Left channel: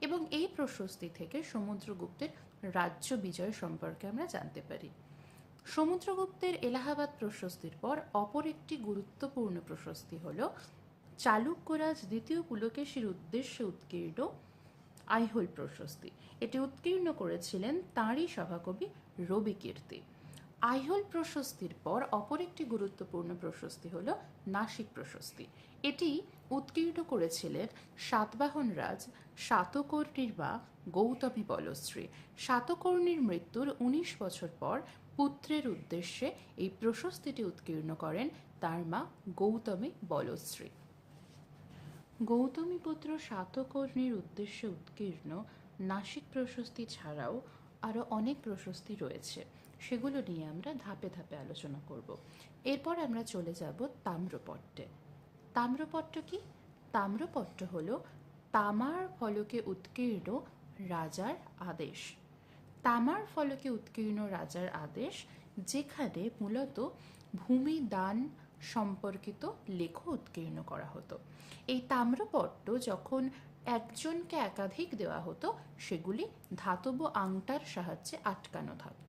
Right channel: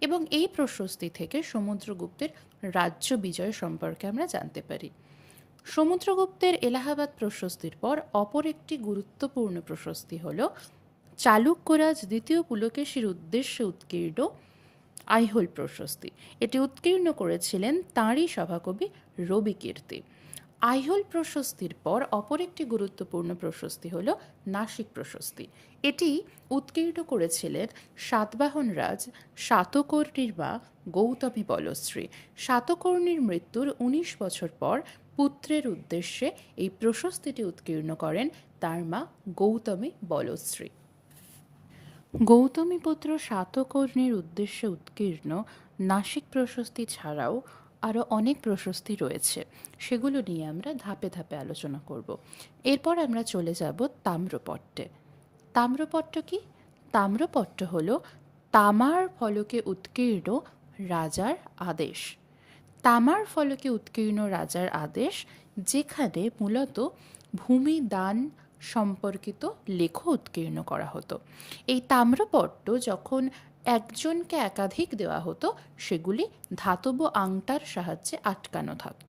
এবং এই প্রশস্তি থেকে সমুদ্রগুপ্তের রাজ্য বিজয় সম্পর্কে আমরা জানতে পারি। সমুদ্রগুপ্তের এলাহাবাদ প্রশস্তির পর অপর একটি গুরুত্বপূর্ণ প্রশস্তি হল চালুক্যরাজ দ্বিতীয় পুলকেশীর উদ্দেশ্যে উৎকীর্ণ আইহোল প্রশস্তি। এটি উৎকীর্ণ করেছিলেন তাঁরই সভাকবি রবিকীর্তি। আইহোল প্রশস্তির পর অপর একটি গুরুত্বপূর্ণ প্রশস্তি হল নাসিক প্রশস্তি। এটি উৎকীর্ণ করেছিলেন সাতবাহন রাজ শাতকর্ণীর বা গৌতমী বলশ্রী। শাতকর্ণীর মৃত্যুর ১৯ বছর পর পুত্রের উদ্দেশ্যে এই প্রশস্তিটি উৎকীর্ণ করেন তার মা গৌতমী বলশ্রী। গৌতমীপুত্র শাতকর্ণীর উদ্দেশ্যে উৎকীর্ণ নাসিক প্রশস্তি ছাড়াও আরও অনেক প্রশস্তি রয়েছে, সেগুলো নিয়ে আমরা ধাপে ধাপে আলোচনা করব। এরপর আমরা চলে যাব তাম্রপট্টে। তাম্রপট্ট কি? তাম্রপট্ট হল তামার ফলকে উৎকীর্ণ রাজার আদেশ। তামার ফলকে উৎকীর্ণ রাজার আদেশ, যেখানে মূলত ভূমি দান সম্পর্কিত লেখ উৎকীর্ণ করা হতো। এই তাম্রপট্ট যখন একজনকে একাধিক দেওয়া হতো, সেগুলি ধাতব আংটার সাহায্যে আটকানো থাকত।